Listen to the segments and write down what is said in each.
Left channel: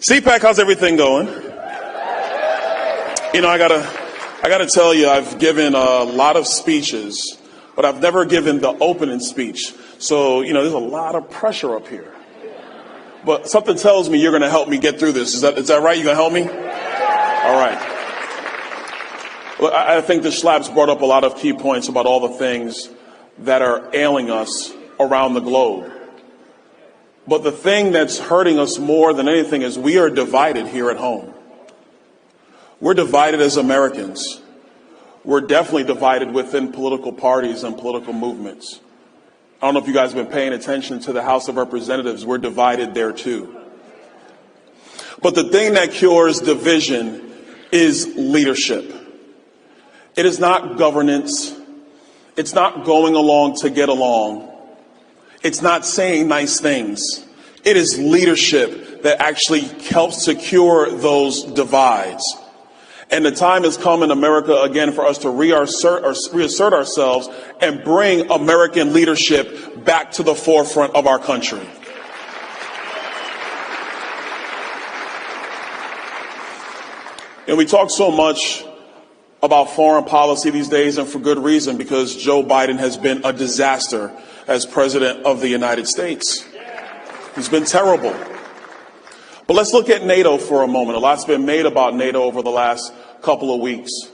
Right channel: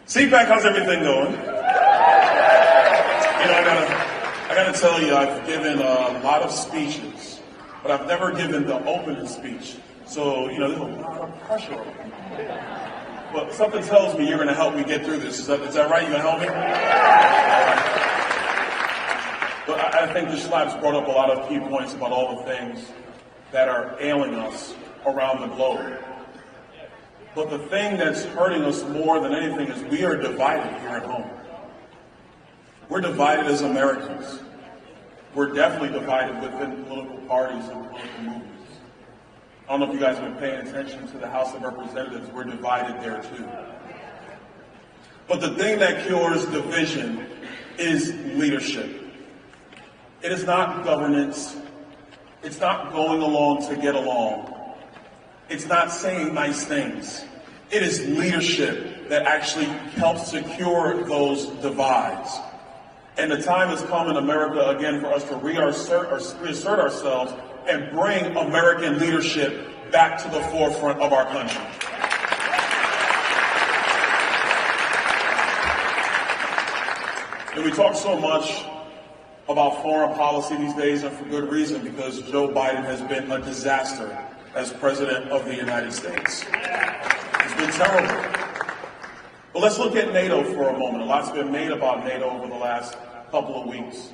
CPAC, how's everything going? You know, I gotta tell you, I've given a lot of speeches, but I've never given the opening speech. So, you know, there's a lot of pressure up here. But something tells me you're gonna help me get through this. Is that right? You gonna help me? All right. Well, I think the Schlaps brought up a lot of key points about all the things that are ailing us around the globe. But the thing that's hurting us more than anything is we are divided here at home. We're divided as Americans. We're definitely divided within political parties and political movements. I don't know if you guys have been paying attention to the House of Representatives. We're divided there too. But the thing that cures division is leadership. It is not governance. It's not going along to get along. It's not saying nice things. It is leadership that actually helps to cure those divides. And the time has come in America again for us to reassert ourselves and bring American leadership back to the forefront of our country. And we talk so much about foreign policy these days, and for good reason, because Joe Biden has been a disaster as president of the United States. He's been terrible. But let's look at NATO for a moment. A lot's been made about NATO over the last couple of weeks.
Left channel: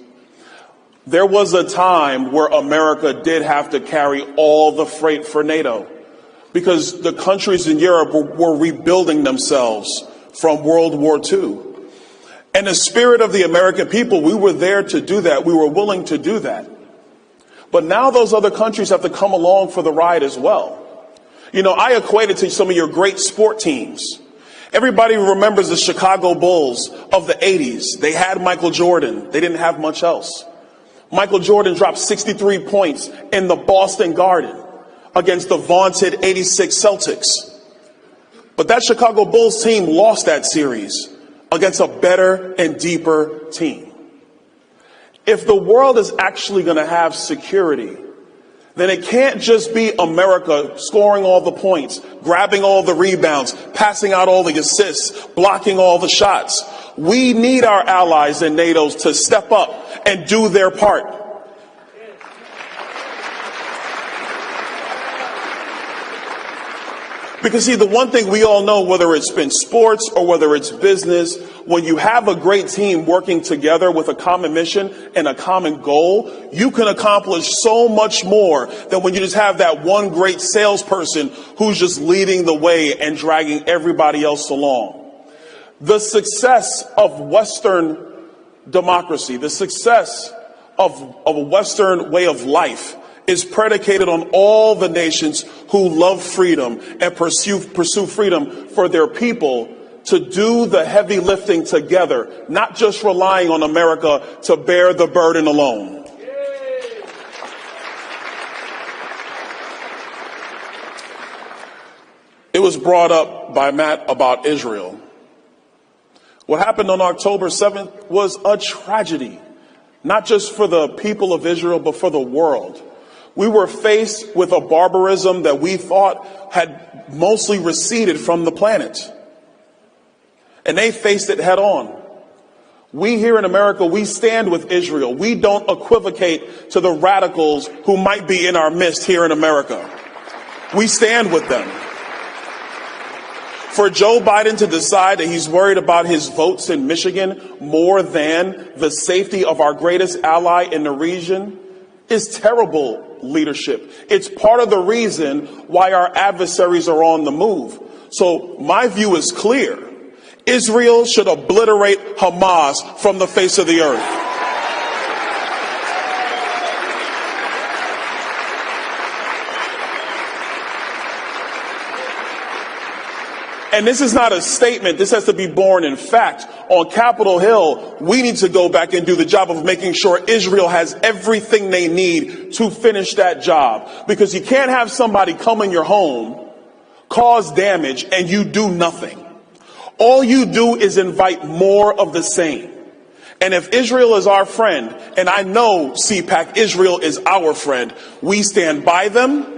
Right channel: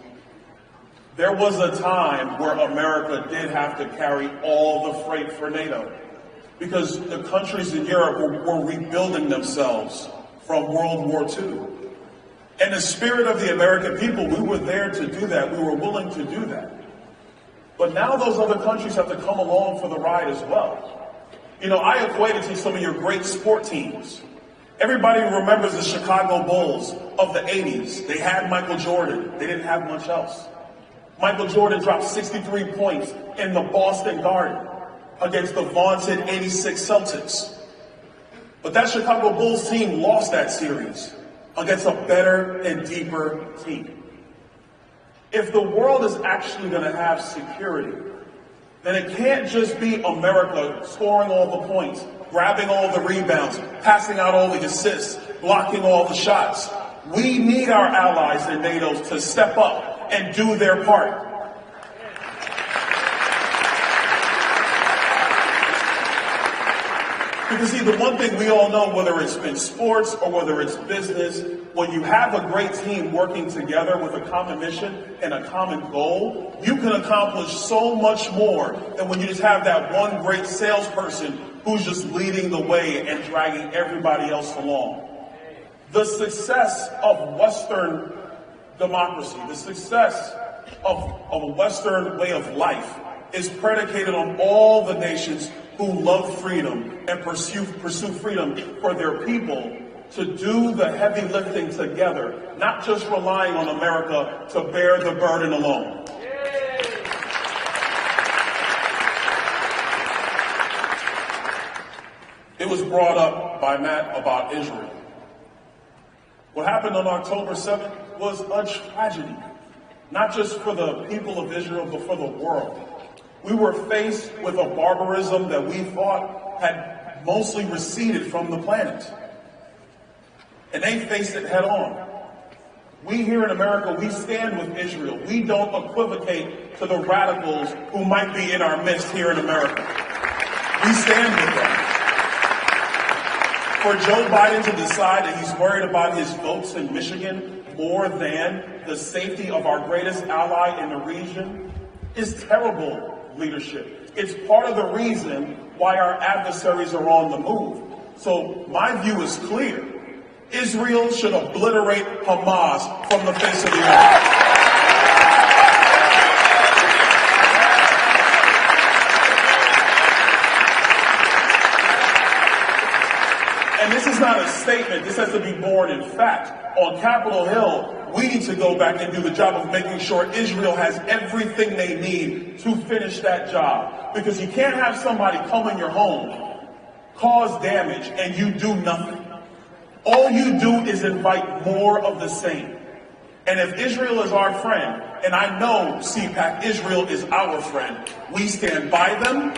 There was a time where America did have to carry all the freight for NATO because the countries in Europe were rebuilding themselves from World War II. And the spirit of the American people, we were there to do that. We were willing to do that. But now those other countries have to come along for the ride as well. You know, I equate it to some of your great sport teams. Everybody remembers the Chicago Bulls of the 80s. They had Michael Jordan. They didn't have much else. Michael Jordan dropped 63 points in the Boston Garden against the vaunted 86 Celtics. But that Chicago Bulls team lost that series against a better and deeper team. If the world is actually going to have security, then it can't just be America scoring all the points, grabbing all the rebounds, passing out all the assists, blocking all the shots. We need our allies in NATO to step up and do their part. Because see, the one thing we all know, whether it's been sports or whether it's business, when you have a great team working together with a common mission and a common goal, you can accomplish so much more than when you just have that one great salesperson who's just leading the way and dragging everybody else along. The success of Western democracy, the success of a Western way of life is predicated on all the nations who love freedom and pursue freedom for their people to do the heavy lifting together, not just relying on America to bear the burden alone. It was brought up by Matt about Israel. What happened on October 7th was a tragedy, not just for the people of Israel, but for the world. We were faced with a barbarism that we thought had mostly receded from the planet. And they faced it head on. We here in America, we stand with Israel. We don't equivocate to the radicals who might be in our midst here in America. We stand with them. For Joe Biden to decide that he's worried about his votes in Michigan more than the safety of our greatest ally in the region is terrible leadership. It's part of the reason why our adversaries are on the move. So my view is clear. Israel should obliterate Hamas from the face of the earth. And this is not a statement. This has to be born in fact. On Capitol Hill, we need to go back and do the job of making sure Israel has everything they need to finish that job. Because you can't have somebody come in your home, cause damage, and you do nothing. All you do is invite more of the same. And if Israel is our friend, and I know, CPAC, Israel is our friend, we stand by them,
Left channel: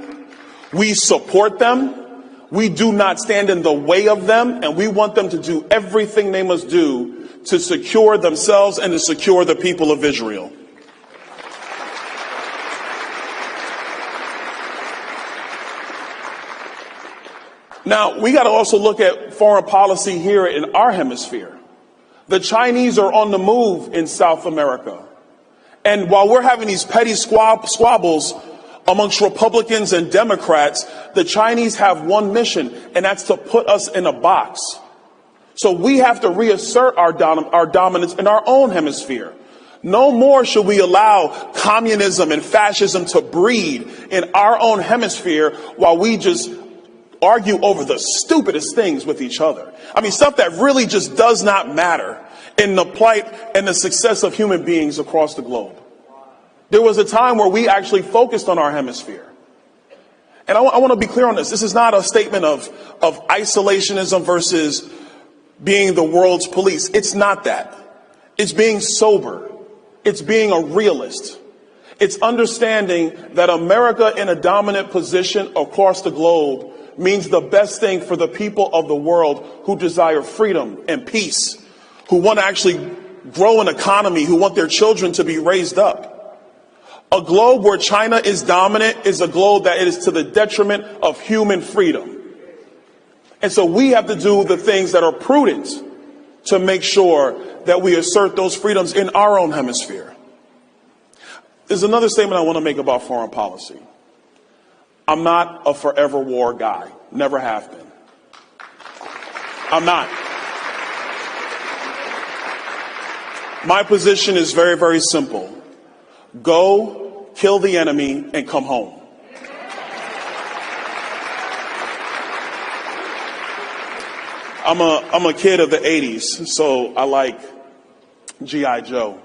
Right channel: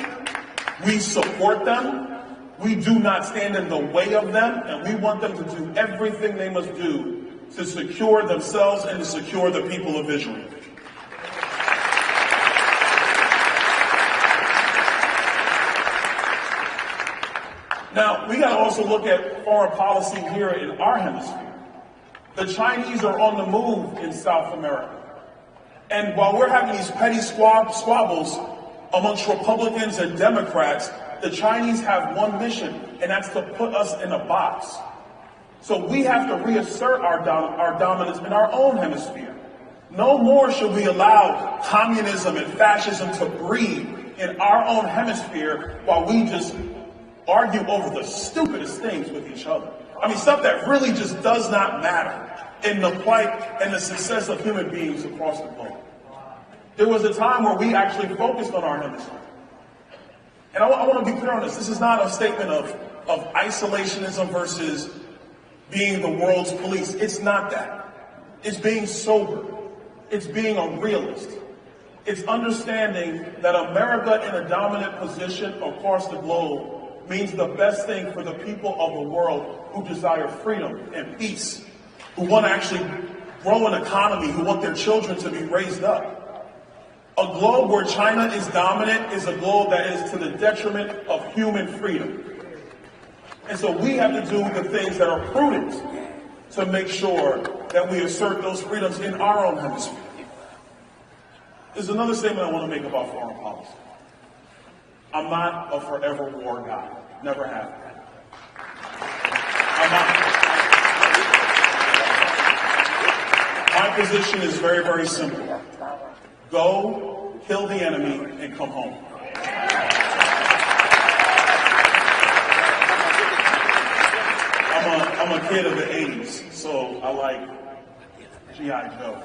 we support them, We do not stand in the way of them, and we want them to do everything they must do to secure themselves and to secure the people of Israel. Now, we got to also look at foreign policy here in our hemisphere. The Chinese are on the move in South America. And while we're having these petty squabbles amongst Republicans and Democrats, the Chinese have one mission, and that's to put us in a box. So we have to reassert our dominance in our own hemisphere. No more should we allow communism and fascism to breed in our own hemisphere while we just argue over the stupidest things with each other. I mean, stuff that really just does not matter in the plight and the success of human beings across the globe. There was a time where we actually focused on our hemisphere. And I want to be clear on this. This is not a statement of isolationism versus being the world's police. It's not that. It's being sober. It's being a realist. It's understanding that America in a dominant position across the globe means the best thing for the people of the world who desire freedom and peace, who want to actually grow an economy, who want their children to be raised up. A globe where China is dominant is a globe that is to the detriment of human freedom. And so we have to do the things that are prudent to make sure that we assert those freedoms in our own hemisphere. There's another statement I want to make about foreign policy. I'm not a forever war guy. Never have been. I'm not. My position is very, very simple. Go, kill the enemy, and come home. I'm a kid of the 80s, so I like G.I. Joe.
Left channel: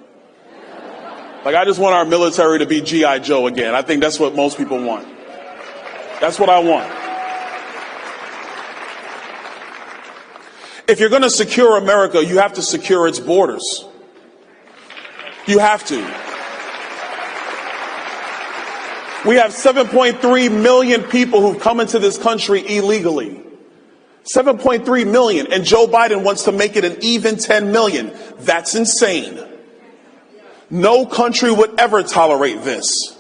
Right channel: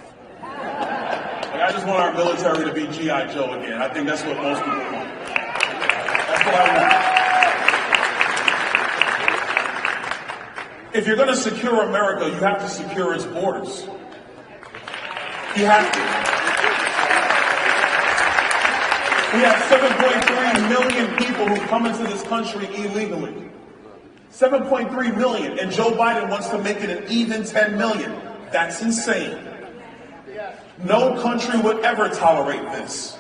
Like, I just want our military to be G.I. Joe again. I think that's what most people want. That's what I want. If you're going to secure America, you have to secure its borders. You have to. We have 7.3 million people who come into this country illegally. 7.3 million, and Joe Biden wants to make it an even 10 million. That's insane. No country would ever tolerate this.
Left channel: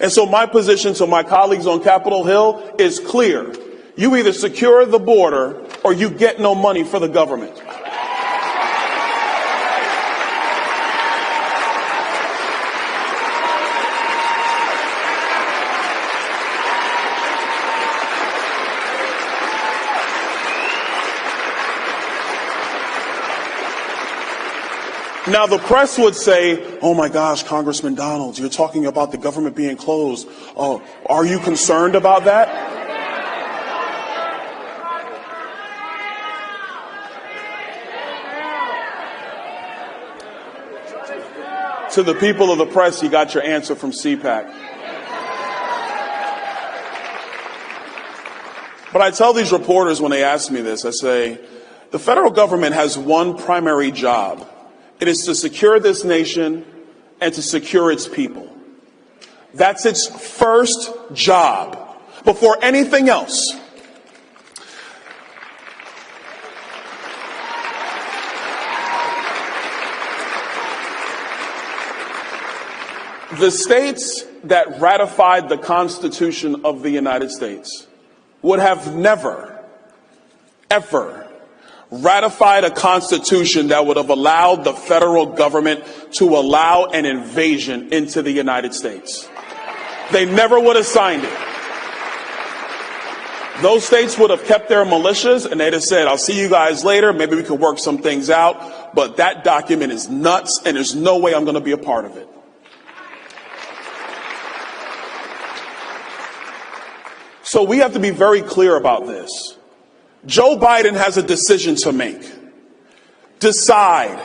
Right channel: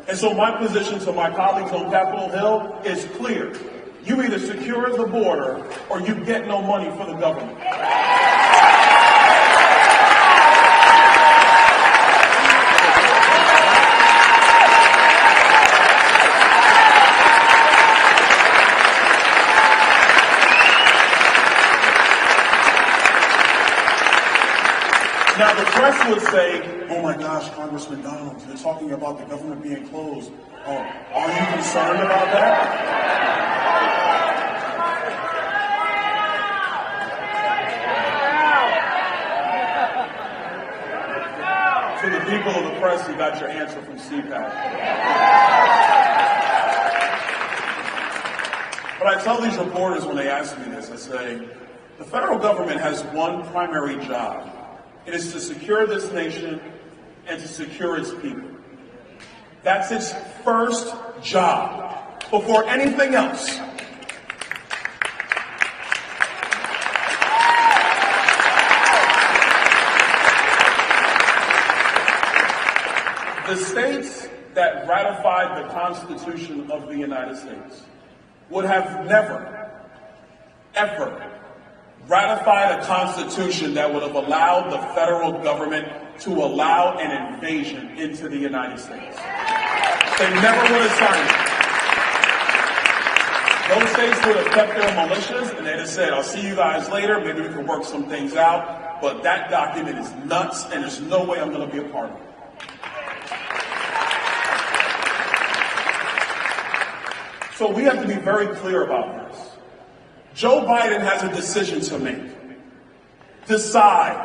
And so my position to my colleagues on Capitol Hill is clear. You either secure the border or you get no money for the government. Now, the press would say, oh my gosh, Congressman Donalds, you're talking about the government being closed. Oh, are you concerned about that? To the people of the press, you got your answer from CPAC. But I tell these reporters when they ask me this, I say, the federal government has one primary job. It is to secure this nation and to secure its people. That's its first job before anything else. The states that ratified the Constitution of the United States would have never, ever ratified a constitution that would have allowed the federal government to allow an invasion into the United States. They never would have signed it. Those states would have kept their militias and they'd have said, I'll see you guys later, maybe we can work some things out, but that document is nuts and there's no way I'm going to be a part of it. So we have to be very clear about this. Joe Biden has a decision to make. Decide,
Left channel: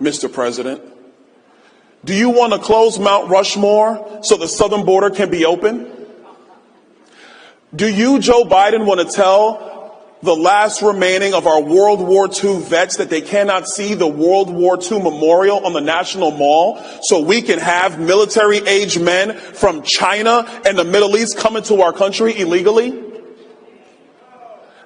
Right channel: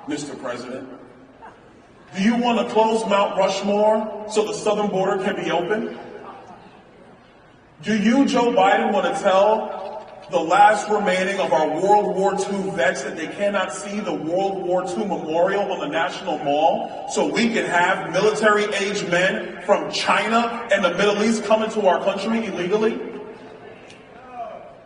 Mr. President. Do you want to close Mount Rushmore so the southern border can be open? Do you, Joe Biden, want to tell the last remaining of our World War II vets that they cannot see the World War II memorial on the National Mall so we can have military-aged men from China and the Middle East come into our country illegally?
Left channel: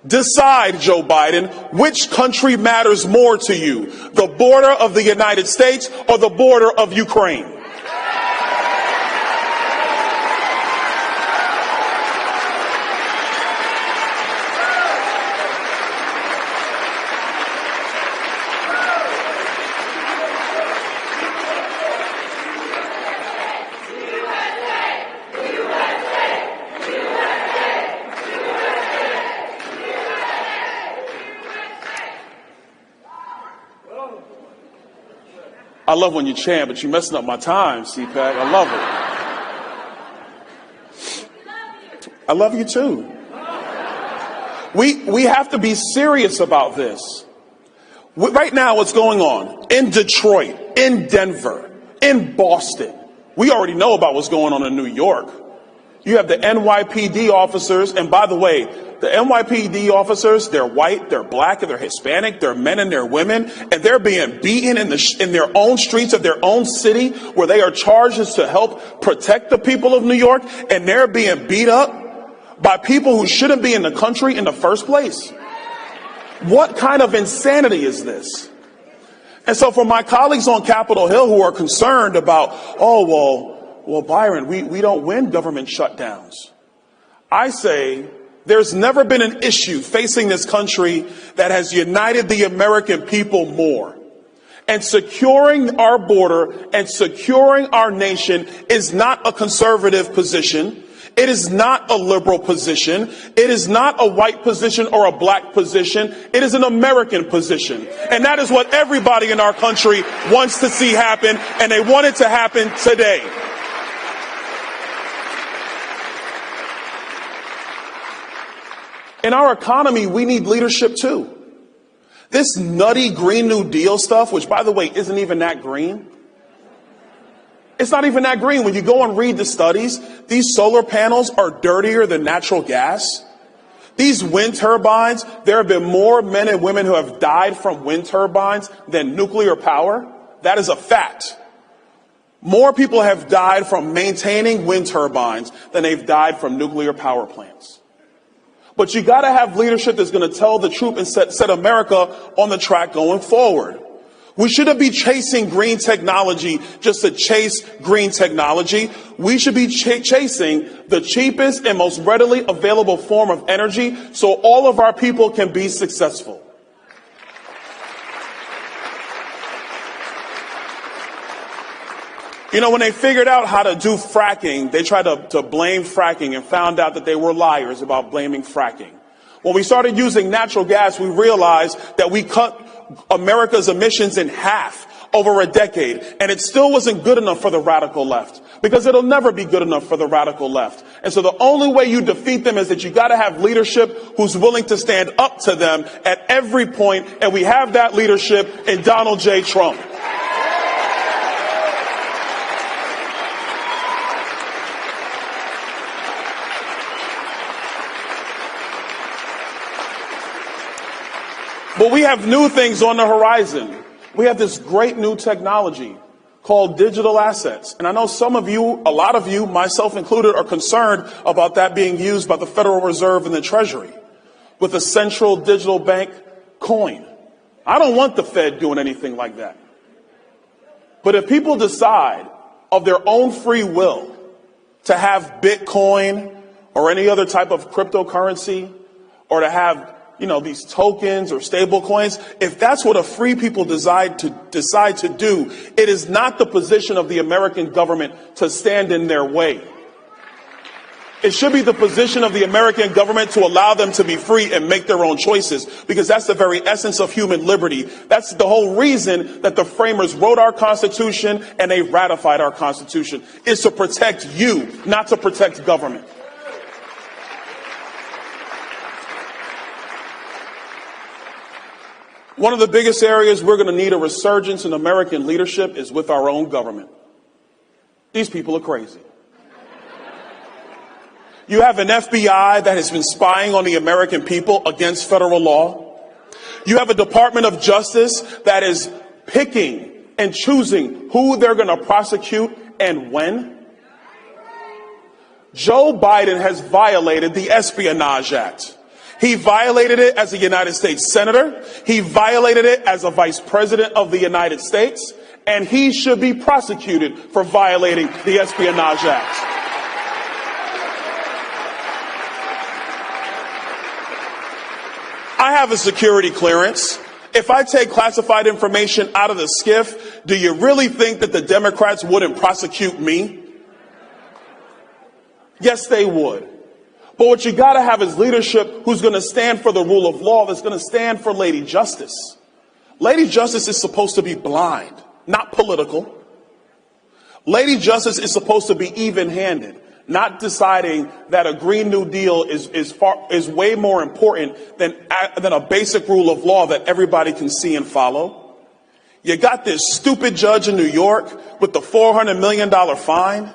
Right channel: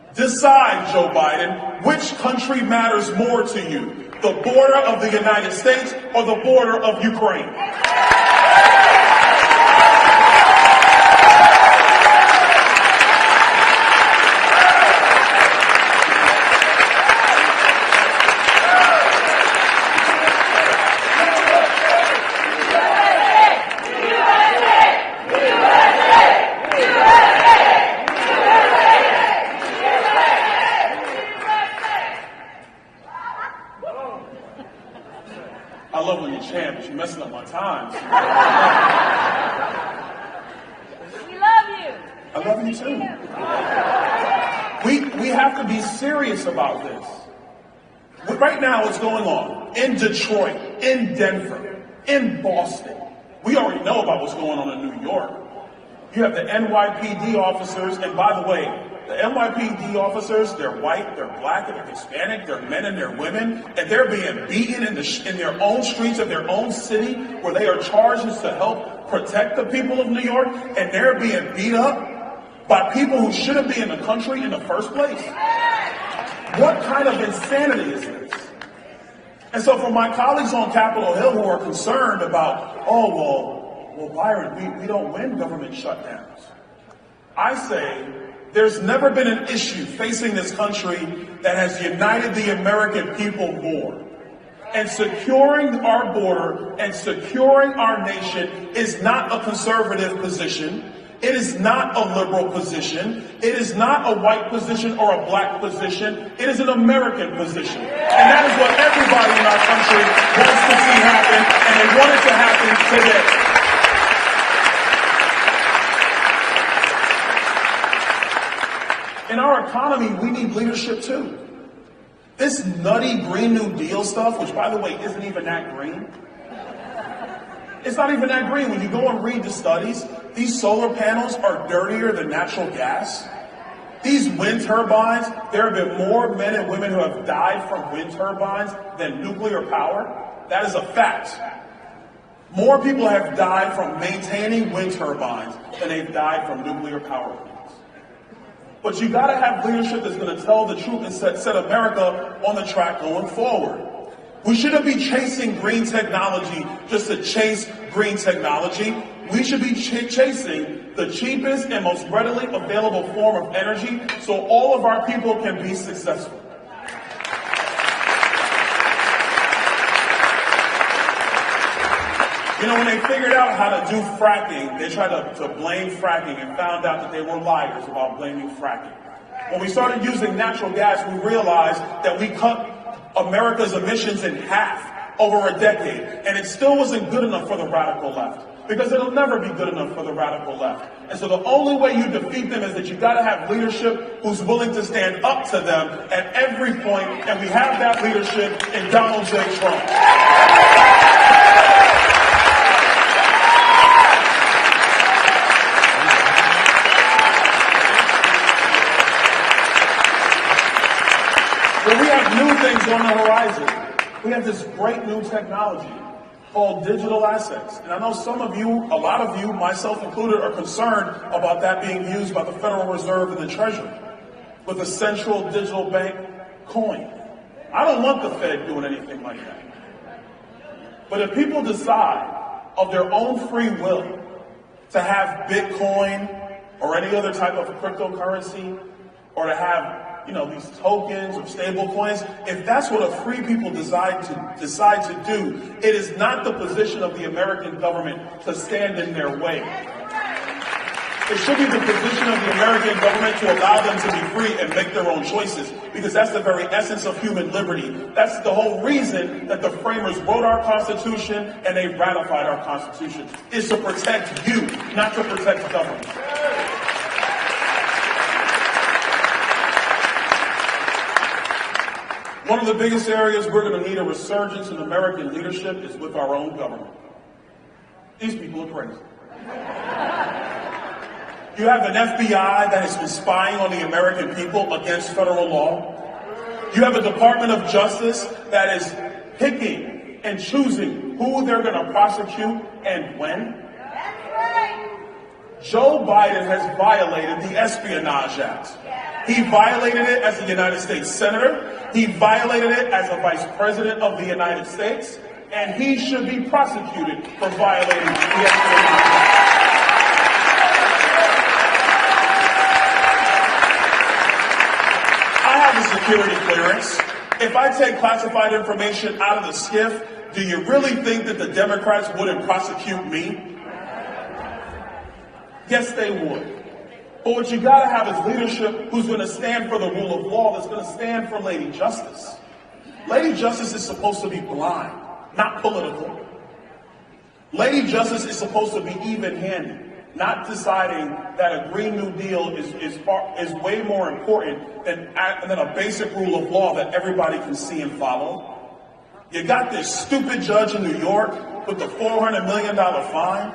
Decide, Joe Biden, which country matters more to you, the border of the United States or the border of Ukraine? I love when you chant, but you're messing up my time, CPAC. I love you. We love you. I love you too. We have to be serious about this. Right now, what's going on in Detroit, in Denver, in Boston, we already know about what's going on in New York. You have the NYPD officers, and by the way, the NYPD officers, they're white, they're black, they're Hispanic, they're men and they're women, and they're being beaten in their own streets of their own city where they are charged to help protect the people of New York, and they're being beat up by people who shouldn't be in the country in the first place. What kind of insanity is this? And so for my colleagues on Capitol Hill who are concerned about, well, Byron, we don't win government shutdowns. I say, there's never been an issue facing this country that has united the American people more. And securing our border and securing our nation is not a conservative position. It is not a liberal position. It is not a white position or a black position. It is an American position. And that is what everybody in our country wants to see happen, and they want it to happen today. In our economy, we need leadership too. This nutty Green New Deal stuff, which by the way, isn't even that green. It's not even that green. When you go and read the studies, these solar panels are dirtier than natural gas. These wind turbines, there have been more men and women who have died from wind turbines than nuclear power. That is a fact. More people have died from maintaining wind turbines than they've died from nuclear power plants. But you got to have leadership that's going to tell the truth and set America on the track going forward. We shouldn't be chasing green technology just to chase green technology. We should be chasing the cheapest and most readily available form of energy so all of our people can be successful. You know, when they figured out how to do fracking, they tried to blame fracking and found out that they were liars about blaming fracking. When we started using natural gas, we realized that we cut America's emissions in half over a decade, and it still wasn't good enough for the radical left, because it'll never be good enough for the radical left. And so the only way you defeat them is that you got to have leadership who's willing to stand up to them at every point, and we have that leadership in Donald J. Trump. But we have new things on the horizon. We have this great new technology called digital assets. And I know some of you, a lot of you, myself included, are concerned about that being used by the Federal Reserve and the Treasury with a central digital bank coin. I don't want the Fed doing anything like that. But if people decide of their own free will to have Bitcoin or any other type of cryptocurrency, or to have these tokens or stable coins, if that's what a free people decide to do, it is not the position of the American government to stand in their way. It should be the position of the American government to allow them to be free and make their own choices, because that's the very essence of human liberty. That's the whole reason that the framers wrote our Constitution and they ratified our Constitution, is to protect you, not to protect government. One of the biggest areas we're going to need a resurgence in American leadership is with our own government. These people are crazy. You have an FBI that has been spying on the American people against federal law. You have a Department of Justice that is picking and choosing who they're going to prosecute and when. Joe Biden has violated the Espionage Act. He violated it as a United States Senator. He violated it as a Vice President of the United States. And he should be prosecuted for violating the Espionage Act. I have a security clearance. If I take classified information out of the SCIF, do you really think that the Democrats wouldn't prosecute me? Yes, they would. But what you gotta have is leadership who's gonna stand for the rule of law, that's gonna stand for Lady Justice. Lady Justice is supposed to be blind, not political. Lady Justice is supposed to be even-handed, not deciding that a Green New Deal is way more important than a basic rule of law that everybody can see and follow. You got this stupid judge in New York with the $400 million fine.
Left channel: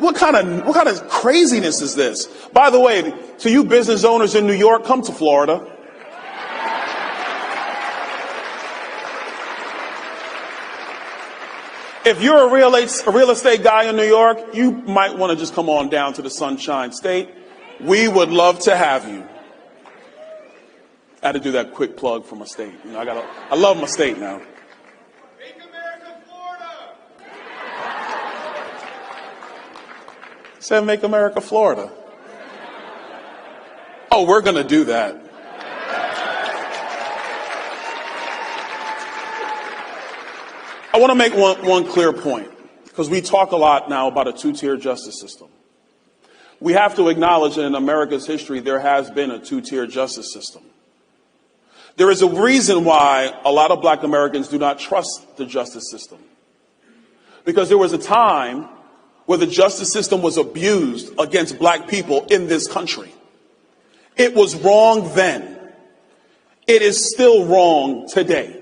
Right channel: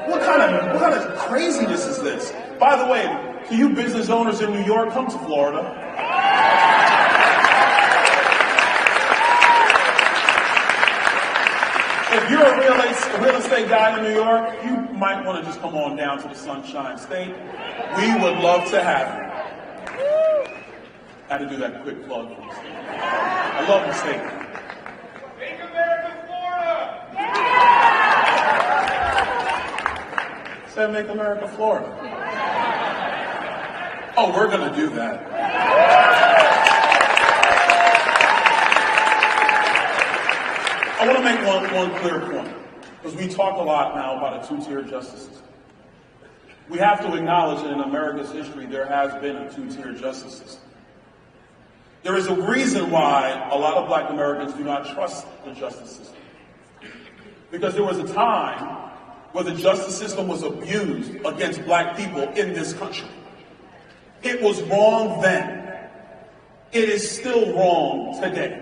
What kind of craziness is this? By the way, to you business owners in New York, come to Florida. If you're a real estate guy in New York, you might want to just come on down to the Sunshine State. We would love to have you. I had to do that quick plug for my state. I love my state now. Make America Florida! Said make America Florida. Oh, we're going to do that. I want to make one clear point, because we talk a lot now about a two-tier justice system. We have to acknowledge that in America's history, there has been a two-tier justice system. There is a reason why a lot of black Americans do not trust the justice system. Because there was a time where the justice system was abused against black people in this country. It was wrong then. It is still wrong today.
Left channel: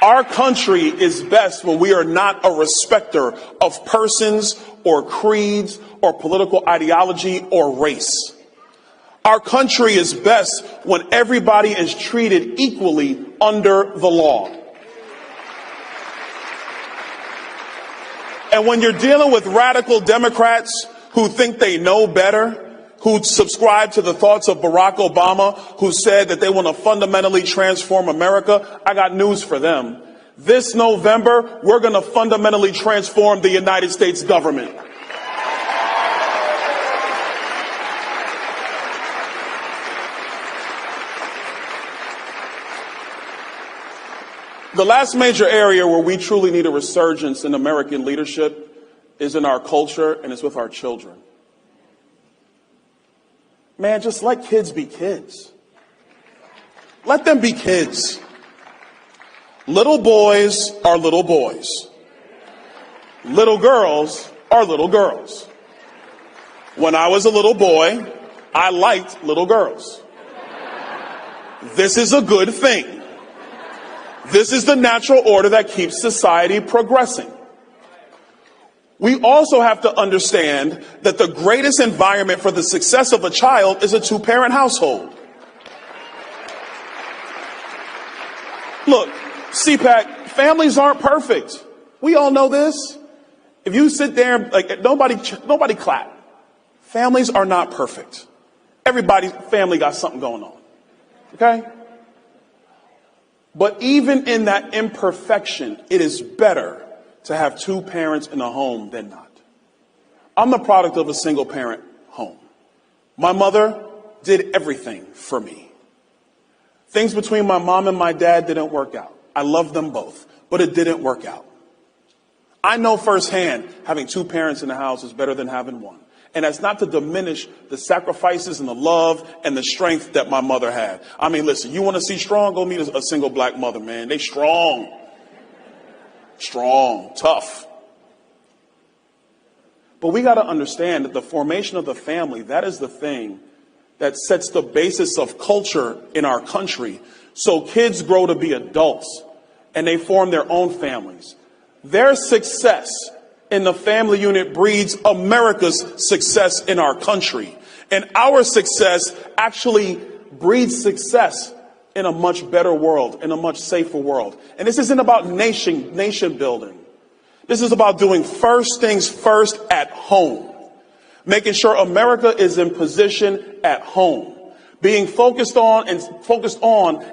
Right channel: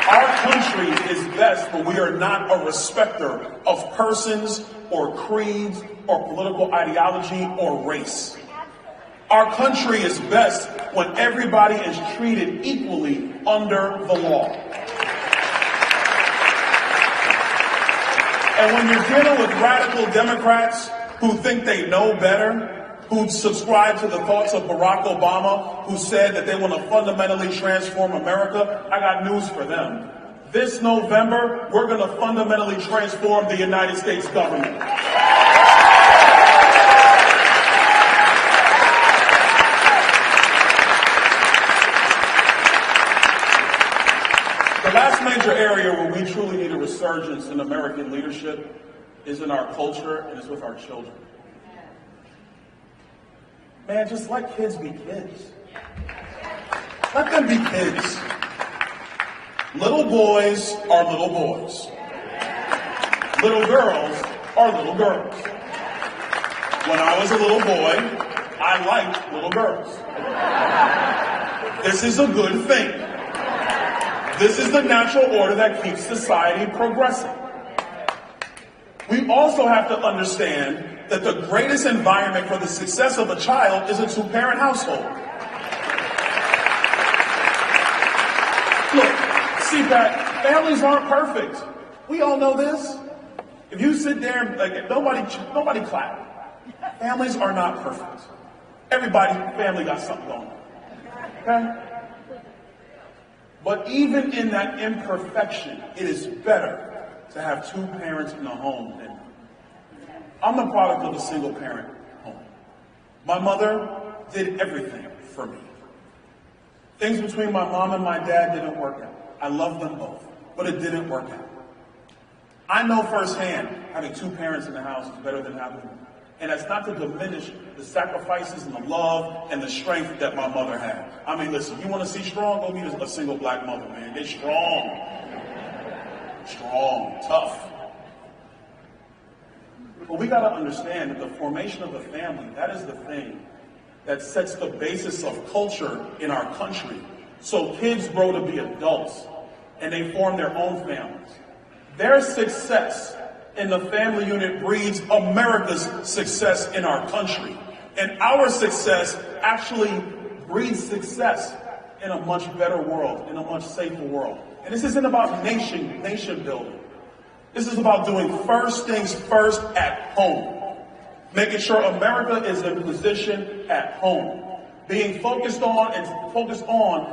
Our country is best when we are not a respecter of persons or creeds or political ideology or race. Our country is best when everybody is treated equally under the law. And when you're dealing with radical Democrats who think they know better, who subscribe to the thoughts of Barack Obama, who said that they want to fundamentally transform America, I got news for them. This November, we're going to fundamentally transform the United States government. The last major area where we truly need a resurgence in American leadership is in our culture, and it's with our children. Man, just let kids be kids. Let them be kids. Little boys are little boys. Little girls are little girls. When I was a little boy, I liked little girls. This is a good thing. This is the natural order that keeps society progressing. We also have to understand that the greatest environment for the success of a child is a two-parent household. Look, CPAC, families aren't perfect. We all know this. If you sit there, like nobody clap. Families are not perfect. Everybody's family got something going on. Okay? But even in that imperfection, it is better to have two parents in a home than not. I'm the product of a single parent home. My mother did everything for me. Things between my mom and my dad didn't work out. I love them both, but it didn't work out. I know firsthand having two parents in the house is better than having one. And that's not to diminish the sacrifices and the love and the strength that my mother had. I mean, listen, you want to see strong? Go meet a single black mother, man. They strong. Strong, tough. But we got to understand that the formation of the family, that is the thing that sets the basis of culture in our country. So kids grow to be adults and they form their own families. Their success in the family unit breeds America's success in our country. And our success actually breeds success in a much better world, in a much safer world. And this isn't about nation building. This is about doing first things first at home. Making sure America is in position at home. Being focused on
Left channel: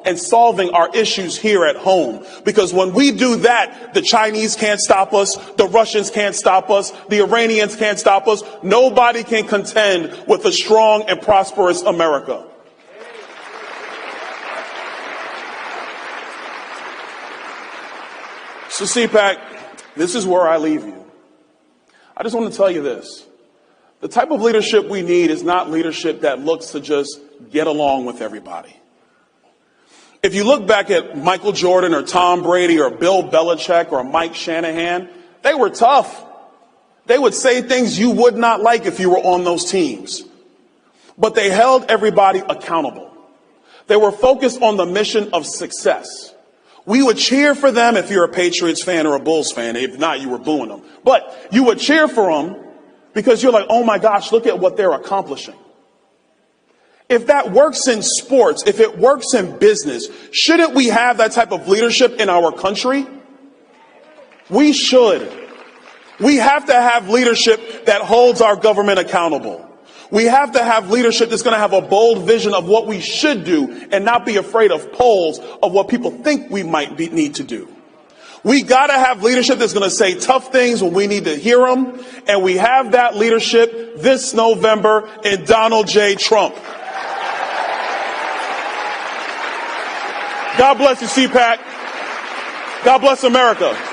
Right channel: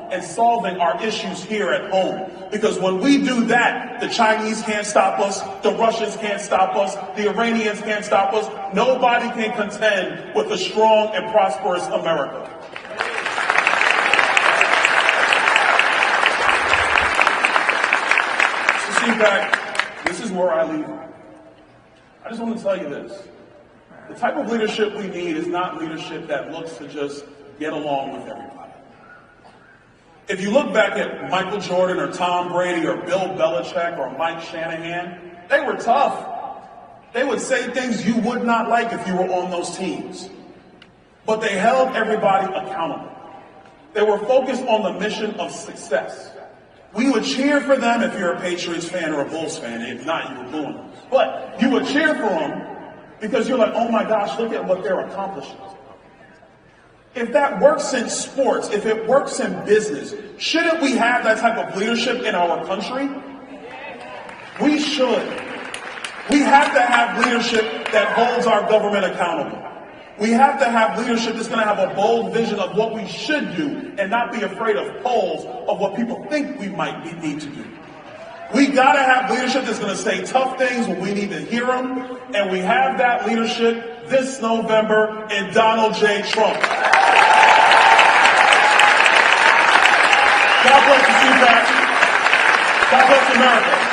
and solving our issues here at home. Because when we do that, the Chinese can't stop us, the Russians can't stop us, the Iranians can't stop us. Nobody can contend with a strong and prosperous America. So CPAC, this is where I leave you. I just want to tell you this. The type of leadership we need is not leadership that looks to just get along with everybody. If you look back at Michael Jordan or Tom Brady or Bill Belichick or Mike Shanahan, they were tough. They would say things you would not like if you were on those teams. But they held everybody accountable. They were focused on the mission of success. We would cheer for them if you're a Patriots fan or a Bulls fan. If not, you were booing them. But you would cheer for them because you're like, oh my gosh, look at what they're accomplishing. If that works in sports, if it works in business, shouldn't we have that type of leadership in our country? We should. We have to have leadership that holds our government accountable. We have to have leadership that's going to have a bold vision of what we should do and not be afraid of polls of what people think we might need to do. We got to have leadership that's going to say tough things when we need to hear them, and we have that leadership this November in Donald J. Trump. God bless the CPAC. God bless America.